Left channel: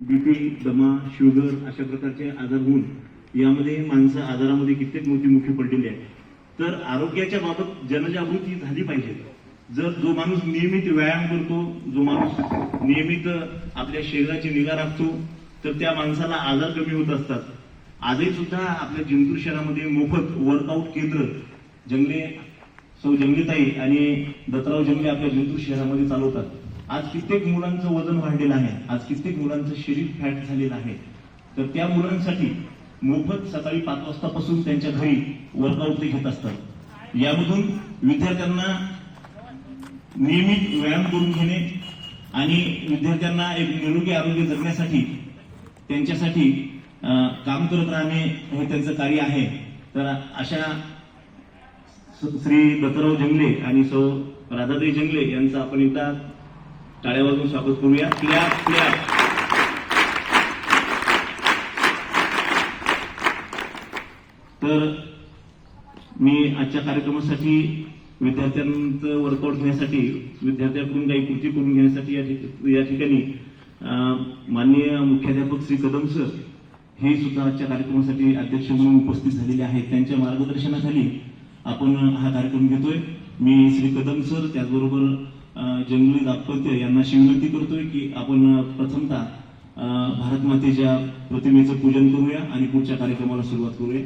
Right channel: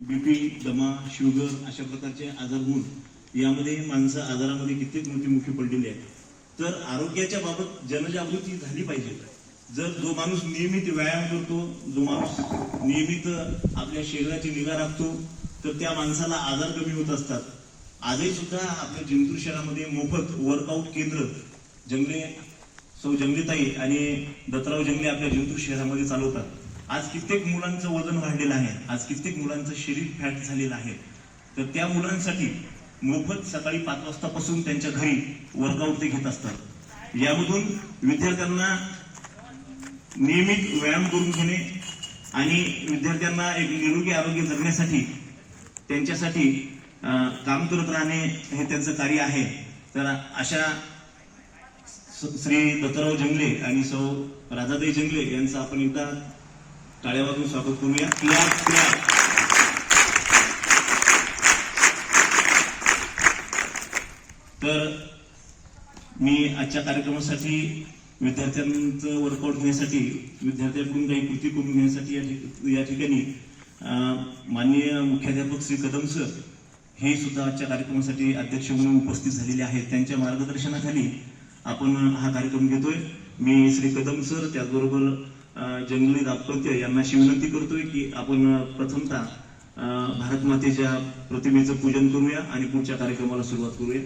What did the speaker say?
BP, दमा, sugar अशा प्रकारचे आजार होऊन यामध्ये माणसं आजारामध्ये कित्येक मृत्युमुखी पडलेले आहेत. तर आरोग्याच्या बाबत जनजागृती झाली पाहिजे. जर जो माणूस नियमित व्यायाम करतो, जो माणूस नियमित आपल्या शरीराची निगा राखतो, तर त्या माणसाला आजार कमी होत असतात. आजही सुद्धा आपल्या जिंतूर शहरामध्ये मोफत वर्कआउट केंद्र जंगलेताई आणि दत्तराव जंगले आपल्या जिंतूर शहरामध्ये चालवतात. आज कित्येक मुलांचं वजन वाढलेलं आहे, आज कित्येक मुलांचं शरीर फॅट झालेलं आहे. तर त्या मुलांसाठी मोफत सकाळी 5 वाजतापासून त्यांच्या घरी वर्कआउट ते घेत असतात. यामधून विद्यार्थ्यांना नियमित व्यायाम करून घेणे आणि विद्यार्थ्यांना एक निरोगी आरोग्य जगण्यासाठी त्यांच्यासाठी काम करत राहणे हे त्यांचं कार्य आहे. तर अशा श्री दत्तराव जंगले आणि सौ राधाताई जंगले यांचं आपण एकदा टाळ्या वाजवून स्वागत करूया. तर मी आजच्या कार्यक्रमासाठी विद्यार्थ्यांचं वर्कआउट घेण्यासाठी, विद्यार्थ्यांकडून काही कृती करून घेण्यासाठी या ठिकाणी माननीय मुख्याध्यापक श्री कदम सर हे सुद्धा आजच्या कार्यक्रमासाठी अध्यक्ष म्हणून उपस्थित झालेले आहेत. त्यांच्या मार्गदर्शनाखाली आपण हा कार्यक्रम घेतोय. मी श्री कदम सर त्याचबरोबर जंगली दाम्पत्य यांना अशी विनंती करतोय की आपण प्रथमतः भारत मातेच्या प्रतिमेचं पूजन करूया आणि पुढच्या कार्यक्रमाला सुरुवात करूया.